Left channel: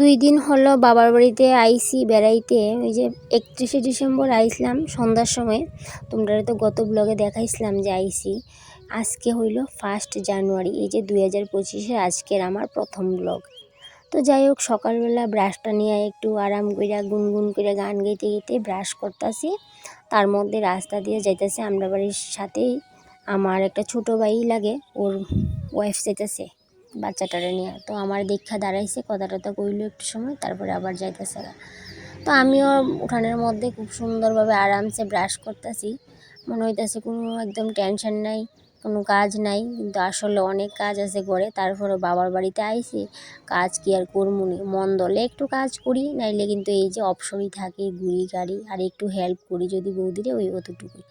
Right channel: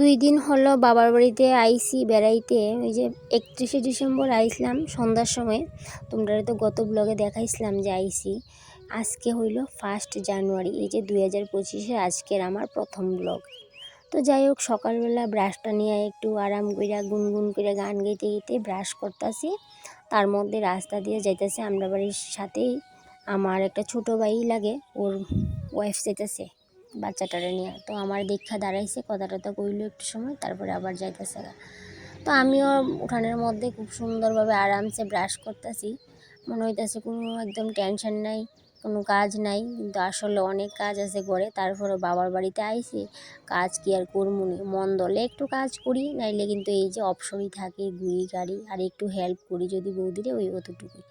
2 দিন হলো বাবার বাড়িতে আইছি বেড়াইতে। ওই যে 31শে ডিসেম্বর আইছিলাম সন্ধ্যার সময়। তোমরা তো গত ব্লগে দেখাইছিলাম যে আইছি। আজকে হইল 1 জানুয়ারি, এই যে 2025-এ আজকের আমার প্রথম ব্লগ। তো যাই হোক, সকালবেলা ব্রাশটা নিয়ে একটু আরাম কইরা গুনগুন করে গান গাইতে গাইতে ব্রাশ করতেছি। তার মধ্যে রাস্তা দিয়ে যাইতেছে আমরা বাড়ির সাথেই আমার একটা ছোট ভাই লাগে, ওর ওয়াইফ যাইতেছে বাচ্চাটারে নিয়ে। তো আমার দেখা দাঁড়াইছে, কথা টথা কইলো একটু সময়, তারপরে আবার যাইতেছে। তো আমিও উঠানের মধ্যে খুব সুন্দরভাবে আরামসে ব্রাশ করতেছি। মনে হইতেছে কোনো একদম টেনশন নাই, কোনো কাজ নাই, কিন্তু আসলে অনেক কাজ আছে ঘরে। তারপরে বাবার বাড়িতে আইছি, কাজ কি আর করমুনি, মন দলে একটু কাজ করি, নাইলে কিন্তু এই যে অপশনই থাকে ঘুরি গাড়ি আর একটু হেল্প করি যদি বৌদিরে, ওই অতটুকুই।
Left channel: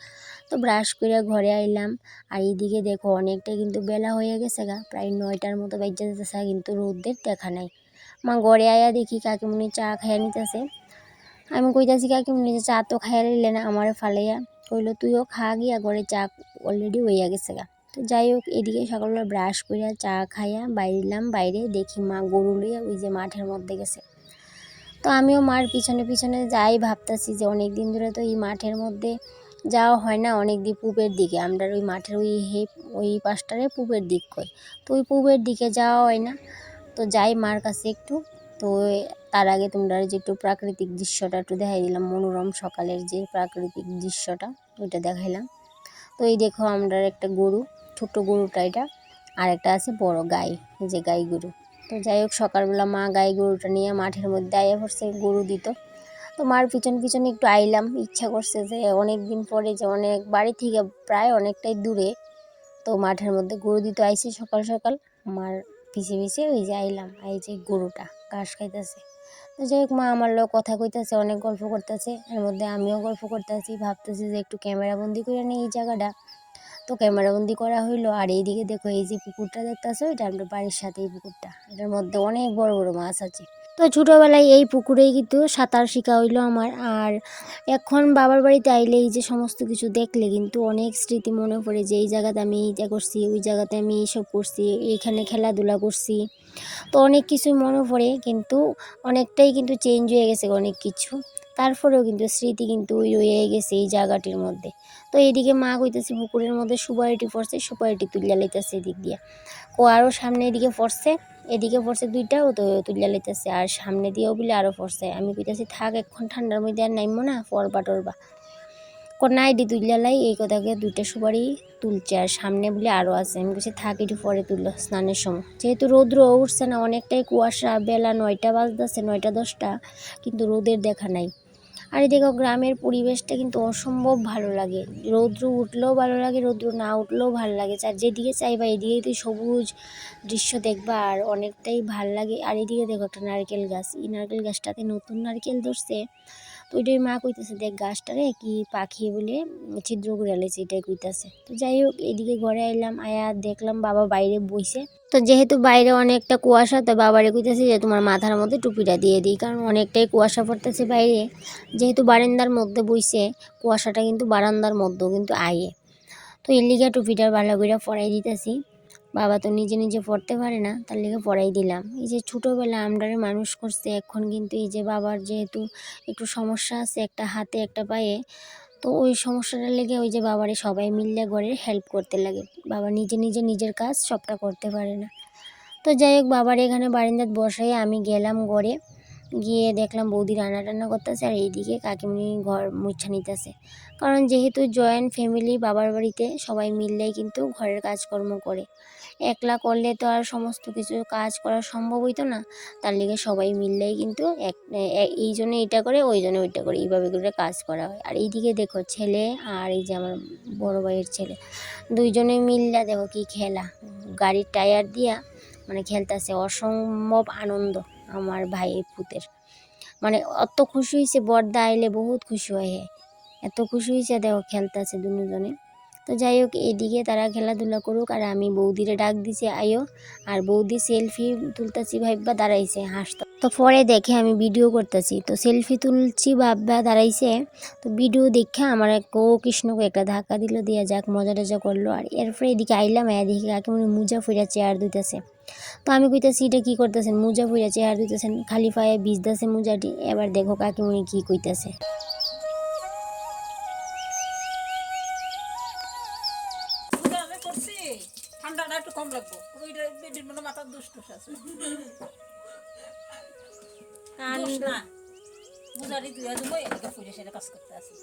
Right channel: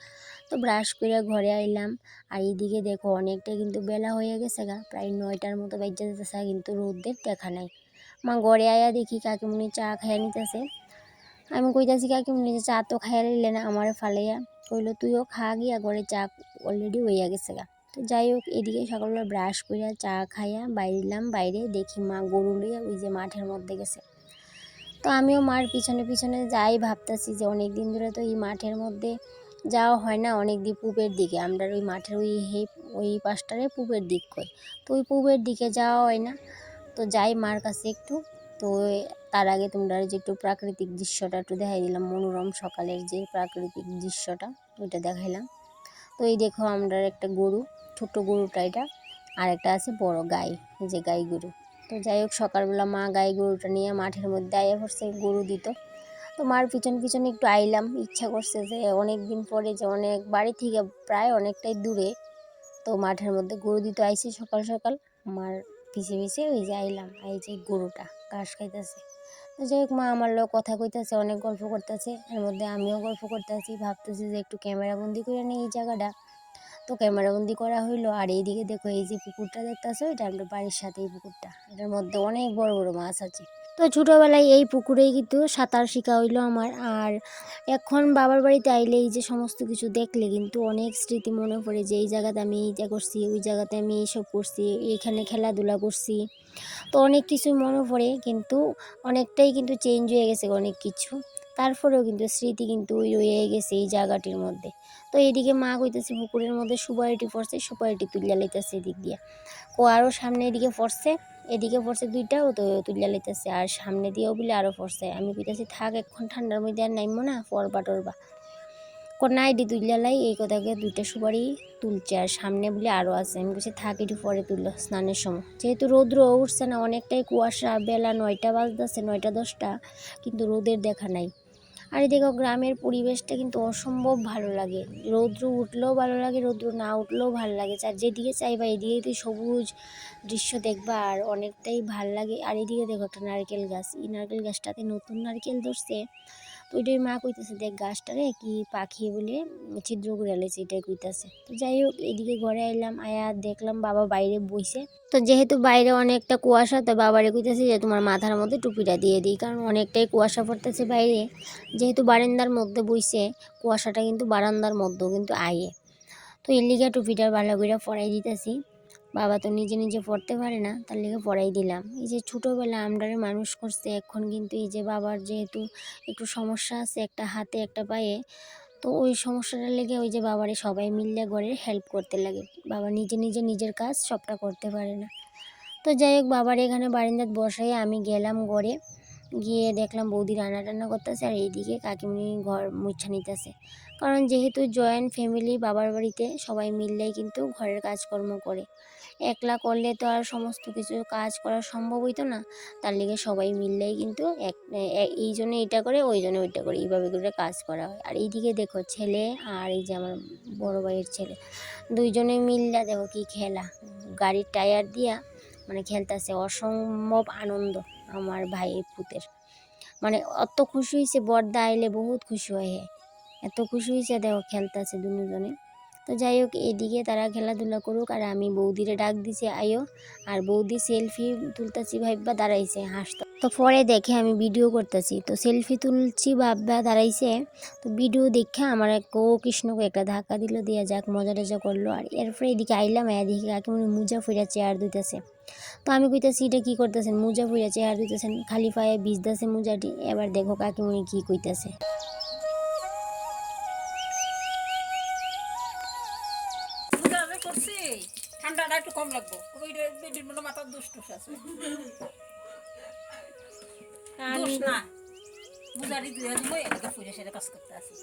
তো ব্রাশ করে ঘরে আইলাম। আর এইদিকে দেখো অনেকটা কিন্তু বেলা হয়ে গেছে গা, প্রায় 9টার মতো বাজে যেতেছে, কিন্তু রোদের দেখা নাই। মা ঘরে আয়া দেখি কাকিমুনি চা খাইয়া নিতেছে। আমি কইতাছি কাকিমুনি যে চা তো খাইয়া নিলে না, আমারে ফালাইয়া কইলো তুইও খা গিয়া, ঘরে চা অলরেডি হইয়া গেছে গা। তো যাই হোক, এদিকে সকালবেলা ব্রাশ করিয়া চা খাইয়া বাইরলাম, বাইরে দেখি মা গরু লইয়া ওই যে মাঠের মধ্যে গেছে। তো আমিও মার পিছনে পিছনে যাই, ভাবতাছি যে অনেক দিন ধরে তো এই মাঠের মধ্যে যাওয়া হয় না, অনেক দিন পূবের দিকে আমরা ওই মাঠের ওই পাশটারে পূবের দিক কই। তো ওই পূবের দিকে যাওয়া হয় না। তো যাই মার কাছে একটু। তো তার আগে তোমরা যে একটু প্রাকৃতিক দৃশ্যটা একটু দেখাই দিলাম, মনোরম সকালের যে প্রাকৃতিক দৃশ্যটা ওইটা দেখাইলাম। তো এই দেখো আমরা একটা গরু, ছোট গরুটা এটা, আর একটা আছে বড় গাই, এই যে গাই গরু। তো যাই হোক, সকালবেলা মা গাই গরুটা নিয়ে মাঠের মধ্যে আয়া পড়ছে গরু দিত। তো মার পিছন পিছনে একটু আইলাম, ইচ্ছা করছে যে অনেক দিন পরে, যে অনেক বাড়ি থেকে প্রায় অনেকটাই দূরে, তো মাঠের মধ্যে গরু দিতে আইছি সকাল সকাল। মার পিছে পিছে ওই যে আইলাম, এই যে গরুটা ঘাস খাইতেছে। তো যাই হোক, মা আমার লোক কথা কইতেছে, অনেক গল্প করতেছে, এর মধ্যে আমিও গল্প করতেছি, ভাবতেছি যে একটু ক্যামেরা বন্দি করে নিই এই জায়গাটা। তো ক্যামেরা বন্দি করা হইলো। আর এইদিকে দেখো এই যে পুকুরটা দেখতেছো, এটা আমরা বাড়ির সাথেই পুকুরটা, এটার মধ্যে অনেক বড় বড় মাছ আছে। তো ছোটোবেলায় এই পুকুরেই কিন্তু সাঁতার শেখা হইলো আমার। আর এখন বাবার বাড়িতে আইলে এই যে সমস্ত কিছু দেখলে কিন্তু অনেক স্মৃতি মনে পড়ে, যে এই জায়গাতে আমি এইটা করছি, ওই জায়গাতে আমি এইসব করছি, এইখানে খেলাধুলা করছি। তো অনেক কিছুই মনে পড়ে, কিন্তু অনেকটাই কিন্তু চেঞ্জ হয়ে গেছে অনেক কিছু। তারপরেও কিন্তু স্মৃতি কিন্তু ওই রয়ে গেছে এই জায়গাটির মধ্যে। তো এইদিকে মা কইতেছে পুকুরের মধ্যে সুপারিটি পড়ছে, সুপারিটি তুলিয়া লইতেছে এদিক দিয়া। ও আরও সামনে এদিকে পড়ছে, এদিকে পড়ছে দুইটাও, তো তুলিয়া লইতেছে। আর সামনে দিয়েও বলে আরও পড়ছে। আমি কইতেছি থাক, এখন ঠান্ডার মধ্যে আর নাইমো না, পড়বা টরবা। কন্যা আইডি তুলিয়া লাই, এই কথাকে দুইটা সুপারি তুলছে, আর সামনে বলে আরও আছে। আমি বলছি থাক, একটু পরে তুললো স্নানের সময়, যেহেতু রৌদ্র উঠছে না, অনেকটাই কুয়াশা, বেলা 9টা বাজতেছে, 9টা 10টা, কিন্তু রোদের দেখা নাই। আর এদিকে গ্রামের পরিবেশটা কিন্তু অসম্ভব ভালো লাগে, রৌদ্র উঠলেও ভালো লাগে, রৌদ্র না উঠলেও ভালো লাগে। আর যেদিকে চাইবা এদিকে তো সবুজ দৃশ্য দেখবা, আর অনেকটাই ভাল লাগে। আর এদিকে দেখো একটা নারকেল গাছ, এই নারকেল গাছটাতে নতুন নারকেল ধরছে। তো ওইটাই মা কইতেছে দেখ গাছটারে কি পাখি বলে ছিদ্র করে আলেছে, এটাই কইতাছে। তো যাই হোক, এদিকে ঘরে আইলাম, আয়া দেখলাম বাবা বাইরে বইছে। তো যেহেতু বাইরে অনেকটা কুয়াশা, তো বাবারে কইতেছি যে তোমার মাথার মধ্যে টুপিটা দিয়ে দিই, কারণ অনেকটাই কুয়াশা পড়তেছে বাইরে। যেহেতু বারান্দার মধ্যে বইছে, কুয়াশাটা কিন্তু বারান্দার মধ্যেও কিন্তু আয়ে। তো এর লিগা টুপিটা ভালো করে পরাই দিতেছি। বাবা তো নিজে নিজে পড়তে পারে না, তার লিগে পড়াই দিলাম। এই যে ছোটোবেলা আমরারে মানুষ করছে, এখন কিন্তু এই যে বাবার যেহেতু একটু সমস্যা আছে, একটা হাতে একটা পায়ে, তো ওই সমস্যাটার লেগে ওই যে বাবারে সবাই মিললে ঘরের হেল্প করতে লাগে। বাবা নিজে নিজে নিজের কাজ সবটা করতে পারে না। তো যাই হোক, বাবার এখানে বারান্দাত বসাই আমি গেলাম ঘরে, গিয়ে দেখলাম বৌদি রান্না টান্না করতেছে, আর এইদিকে কাকিমুনি ঘর মুছা নিতেছে। কারণ যেহেতু জয়েন্ট ফ্যামিলি, বাবার বাড়িতে সবাই মিললেই কিন্তু ঘরের কাজকর্ম করে, একলা করলে তো আর সমস্ত কিছু কাজ করা সম্ভব হইতো না। তার লিগে সবাই মিললেই কিন্তু এই জন্য এটা করে, ওই জন্য ওইটা করে, এইভাবে করে কাজ করা হয়। আর এইদিকে দেখো ছেলে, আর এই যে আমার বড় ভাইয়ের ছেলে, দুইজনে মিললে দেখো কি খেলা, গাড়ির টায়ার দিয়া মানে খেলতেছে, অসম্ভব আনন্দ আমার ভাই পুতের। মানে অত খুশি হয়েছে, বর্দা আইলে বহুত খুশি হয়, এত খুশি হয়েছে, দেখো খেলতেছে দুজনে। তো যাই হোক, এইদিকে তারা খেলাধুলা করুক, আর আমি বৌদিরে ডাক দিছি আইও। আর বৌদি সেলফি তুলতেছি ভাববা দাঁড়াইছে, হাসতো। তো পরে দেখে আমি ভিডিও করতেছি, তো সেলফি তুলছি ভাববা দাঁড়াইছে। তো ভিডিও দেখে আমার এক কৃষ্ণকে একটা ধাক্কা দিল, দিয়ে যাক মজা টজা করলো। আর এরপরে এদিকে আইলাম, এদিকে কাকিমুনি মুজা ফিরা চেয়ার দিতেছে। তো আমি কইতাছি এটা কী করতেছেন, মোজা পইরা চেয়ার দিতেছেন, খালি পায়ে ভিজতেছে মোজাটি। এবার দেখো কাকিমুনি কী কইতাছে। আমি করছি ঠান্ডাটা একটু কম লাগবো, বেডির মধ্যে মাথার দুষ টুস আছে। দোষ না বুঝারি দুই দিব এদিকে ফুলে সেটা কাজ করতে আছে।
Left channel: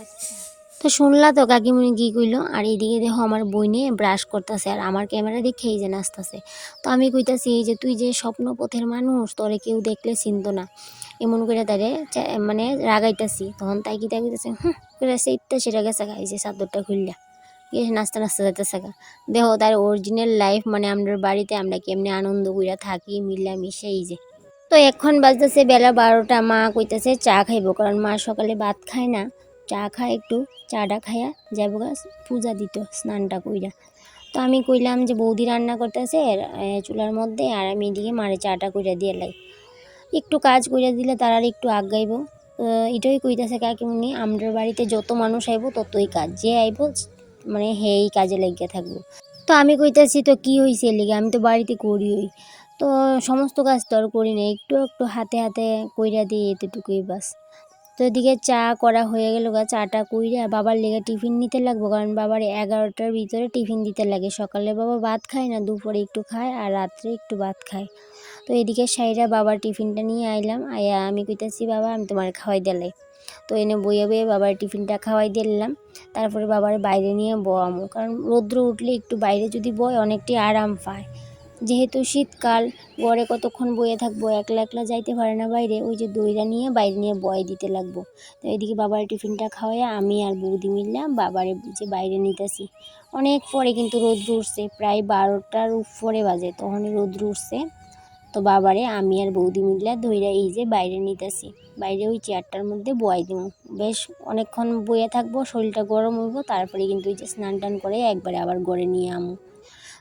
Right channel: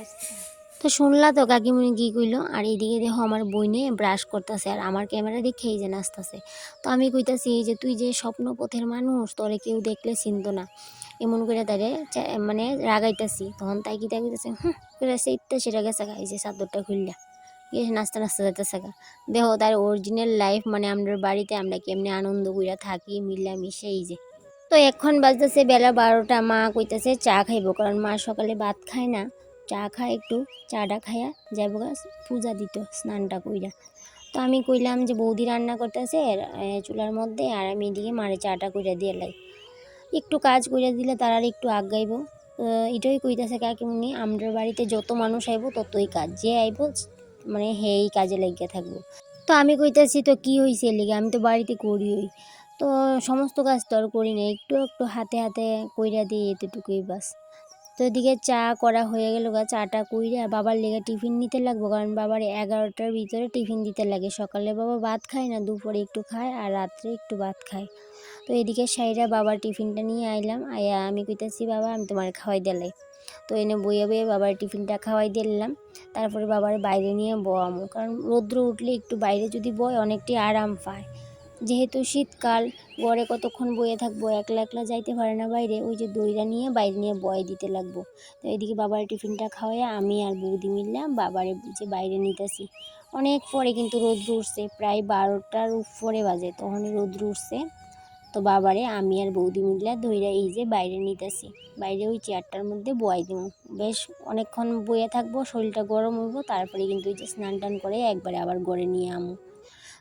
আচ্ছা, তো শুনলা তো কাকিমুনি কী কইলো। আর এইদিকে দেখো আমার বইনে ব্রাশ করতেছে আর আমার ক্যামেরা দেখে এই যে নাচতেছে। তো আমি কইতাছি এই যে তুই যে স্বপ্নপথের মানুষ, তোরে কেউ দেখলে চিনতো না, এমন করে তারে মানে রাগাইতাছি। তখন তাই কি তাই কইতাছে করে সেইটা সেটা গেছে গা, এই যে চাদরটা খুললা গিয়ে নাচতে নাচতে যাইতেছে গা। দেখো তার অরিজিনাল লাইফ, মানে আমরা বাড়িতে আমরা কেমনে আনন্দ কইরা থাকি মিলামিশে। এই যে তো এখন বাজতেছে বেলা 12টা। মা কইতেছে চা খাইবো, কারণ মা সকালে ভাত খায় না, চা খায় একটু, চাটা খাইয়া যাবো গা পূজা দিত স্নানটা কইরা। তো আমি কইলাম যে বৌদি রান্না করতেছে চুলার মধ্যে, আর আমি এদিকে মারে চাটা কইরা দিয়ে লাই, একটু কাজ কইরা দিলে তার আর একটু আগাইব। এটাই কইতাছে কাকিমুনি, আমরার বাড়িতে যত মানুষ আইব ততই কাজ, যে আইব মানে হেই কাজে লাগিয়ে থাকবো। তো আমি কইতাছি তো কি হয়েছে এর লিগে, আমি তো বাড়িতে করি, তো সমস্ত কাজ তো আর করি না, একটু একটু হাতে হাতে কইরা দিই, এতটুকুই বাস। তো এদিকে চা করা হয়ে গেল গা, চাটা কইরা বাবার লেগে টিফিন নিতে লাগবো, কারণ বাবার 11টার ভিতরে টিফিন দিতে লাগে। সকালে বাবা ভাত খায় না, দুপুরে একটু খায় আর রাত্রে একটু ভাত খায়। তো এদিকে সাইরা বাবার টিফিনটা নিয়ে আইলাম, আয়া আমি কইতাছি বাবা আমি তোমার খাওয়াই দিলাই। তো এনে বইয়ে বইয়ে বাবার টিফিনটা খাওয়াই দিলাম। তারপরে বাবার বাইরে নিয়ে বয়ামো, কারণ রৌদ্র উঠলে একটু বাইরে যদি বয় অনেকটাই আরাম পায়। যেহেতু শীতকাল, ঘরে কতক্ষণ বয়ে থাকবো, একলা একলা যাইতে পারে না বাইরে, ওই যে দইটা নিয়ে বাইরে নিয়ে বয় দিতে লাগবো। তো এদিকে বাবার টিফিনটা খাওয়াইয়া আমি আর বৌদি মিললাম বাবারে যে বাইরে নিতেছি। অনেক পরে কিন্তু রৌদ্র উঠছে, প্রায় 12টার উপরে বাজে তখনই রৌদ্র উঠছে। তো বাবারে আমি আর বৌদি মিললা ধইরা এই যে বাইরে নিতেছি, বাইরে ওই চেয়ারটার মধ্যে বয়াই দিব। বেশ অনেকক্ষণ বয়ে থাকবো, শরীরটা গরম হইব, তারপরে কিন্তু ওই যে স্নান টান করে একবারে আবার ঘরে নিয়ে আমু।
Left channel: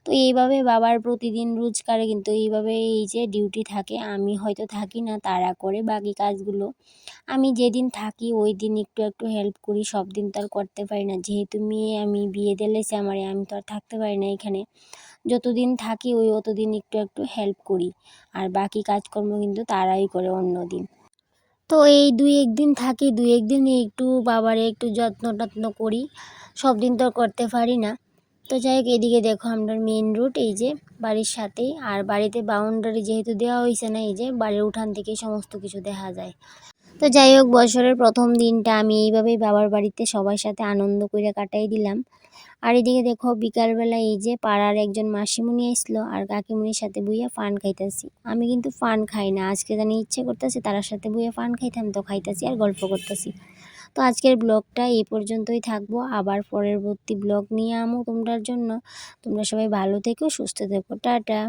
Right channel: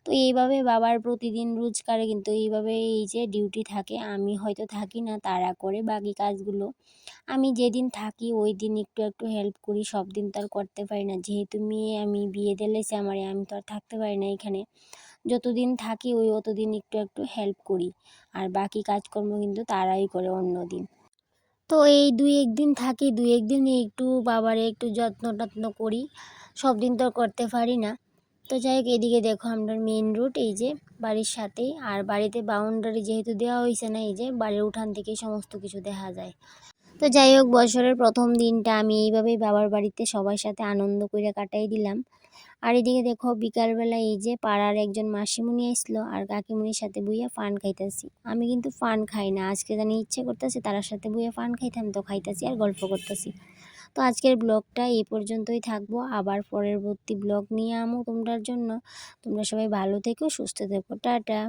তো এইভাবে বাবার প্রতিদিন রোজকার কিন্তু এইভাবে এই যে ডিউটি থাকে। আমি হয়তো থাকি না, তারা করে বাকি কাজগুলো। আমি যেদিন থাকি ওই দিন একটু একটু হেল্প করি, সব দিন তো আর করতে পারি না, যেহেতু মেয়ে আমি বিয়ে দিলেছে আমারে, আমি তো আর থাকতে পারি না এখানে। যতদিন থাকি ওই অতদিন একটু একটু হেল্প করি, আর বাকি কাজকর্ম কিন্তু তারাই করে অন্য দিন। তো এই 2-1 দিন থাকি, 2-1 দিন একটু বাবারে একটু যত্ন টত্ন করি, সব দিন তো আর করতে পারি না। তো যাই হোক, এদিকে দেখো আমরা মেন রোড এই যে বাড়ির সাথেই, আর বাড়িতে বাউন্ডারি যেহেতু দেওয়া হয়েছে না, এই যে বাড়ির উঠান থেকে সমস্ত কিছু দেখা যায়। তো যাই হোক, বছরের প্রথম দিনটা আমি এইভাবেই বাবার বাড়িতে সবার সাথে আনন্দ করে কাটাই দিলাম। আর এদিকে দেখো বিকালবেলা এই যে পাড়ার একজন মাসিমণি আসলো আর কাকিমণির সাথে বইয়া পান খাইতেছি। আমি কিন্তু পান খাই না, আজকে জানি ইচ্ছে করতেছে তার সাথে বইয়া পান খাইতাম, তো খাইতেছি আর গল্প করতেছি। তো আজকের ব্লগটা এই পর্যন্তই থাকবো, আবার পরবর্তী ব্লগ নিয়ে আমো তোমরার জন্য। তোমরা সবাই ভালো থেকো, সুস্থ থেকো, টাটা।